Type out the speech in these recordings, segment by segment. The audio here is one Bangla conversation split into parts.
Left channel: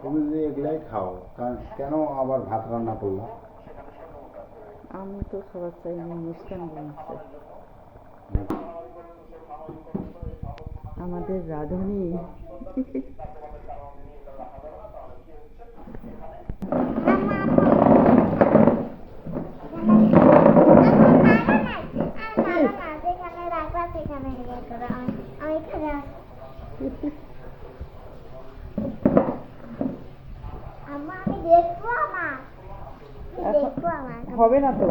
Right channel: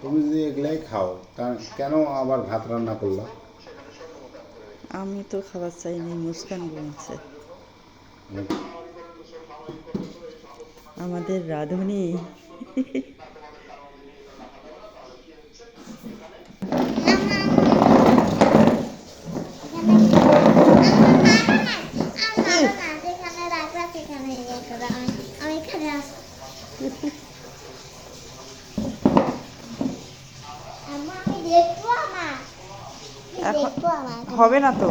তুমি যদি এগুলাই খাও কেন আবার ভাত রান্না করলা? আমি তো খাবার চাইনি, মুস্কান বলছে আমাদের রাঁধুনি। হবে না তো,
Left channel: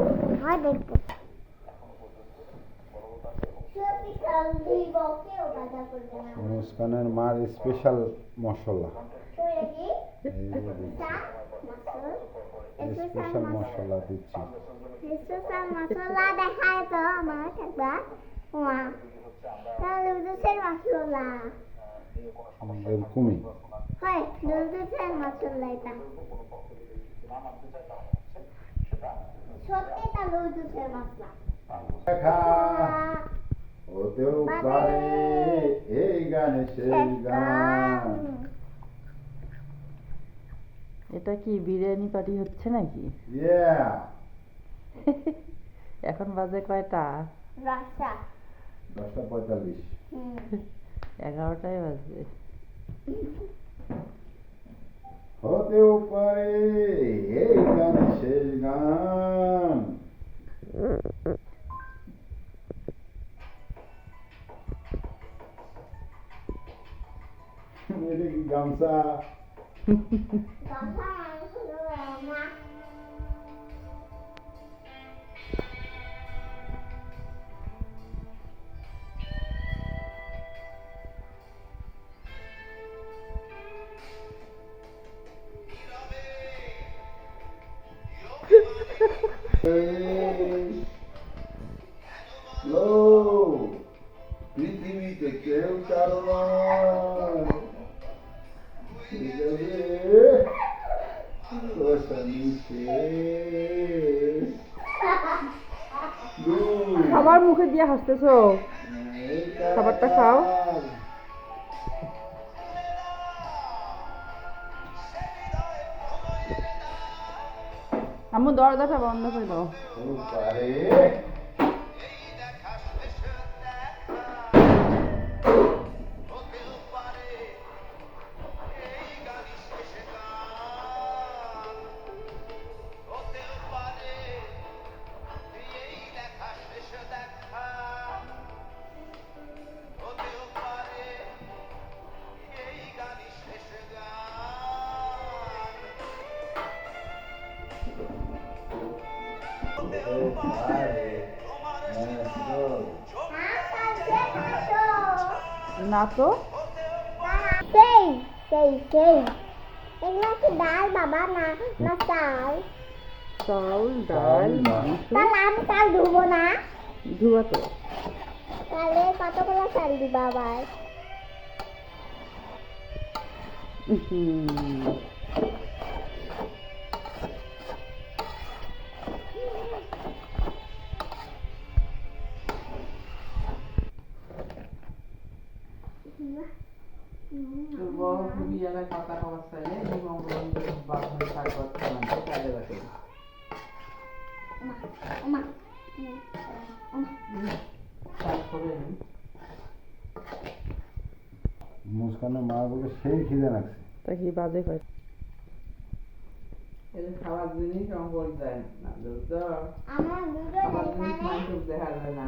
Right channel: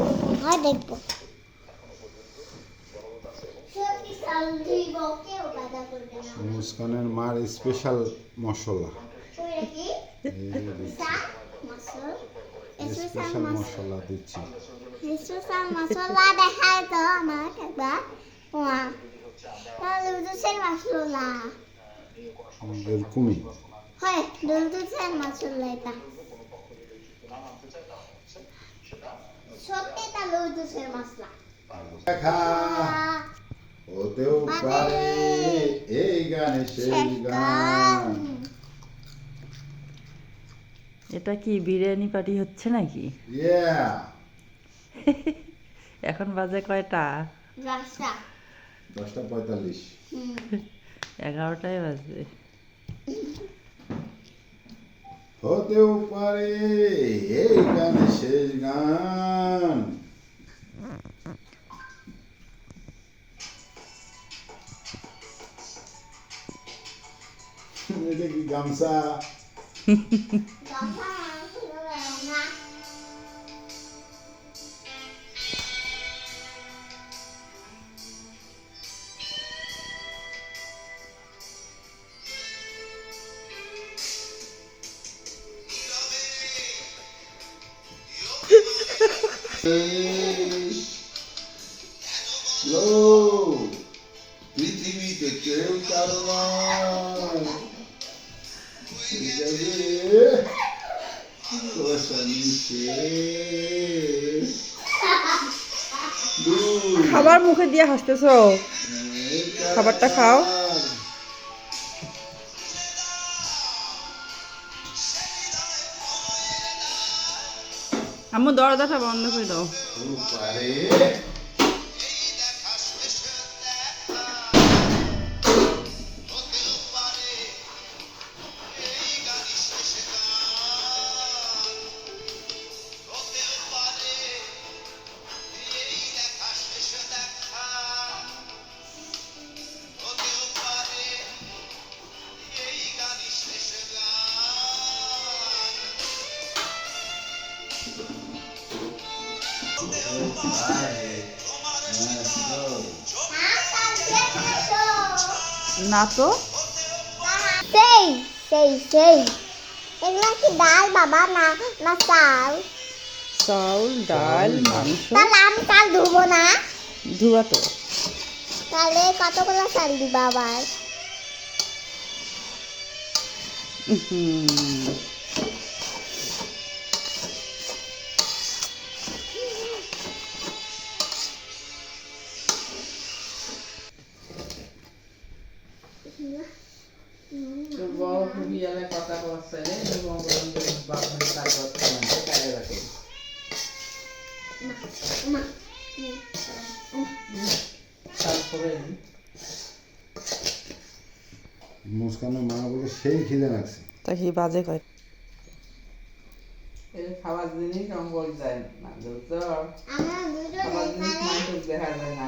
দেখবো। মুস্কানের মার স্পেশাল মশলা, স্পেশাল মশলা দিচ্ছি। স্পেশাল মশলা দেখায় তো আমার একটা নুডলসের মশলা। এরকমই হয় নুডলসের মশলা, এটা সত্যি তা নুডলসের মশলা। দেখা হতেও পারে এই গানে শেষ গান। এটা কি বিরিয়ানি পার্টি হচ্ছে নাকি? এখন বাজে কয়টা? 10:45। 11টায় বাজবে। হতেও পারে এই গানে শেষ গান। এটা কি গামছা? পৃথিবীতে কেউ কারো নয়, খাবার মুখে দিয়ে হাসতেছো, খাবারটা খাও। আম্মু দরজাটা বন্ধ করে দাও। না তো, সেই সেই সেই এগুলো কি ডাল বাবা? না না চাল? চাল, ডাল, মাংস। তাহলে আমি চাল ধুবো না? ধোয়া তো। তাহলে কতগুলো চাল দিবা আবার? বড় খুবই এলাকায় কথা কওয়ার চাইলে এবং বাপের তারপর খামানতে কাজে রাখে। তারপরে মুস্কানের মা বলে সেই খিদে লাগছে। তা কি বাজে কয়? এই খাবার জিনিস আমার বল যায় না, বুঝছো? আমার দুটো খাবার জিনিস মানুষ দেখা যায় না।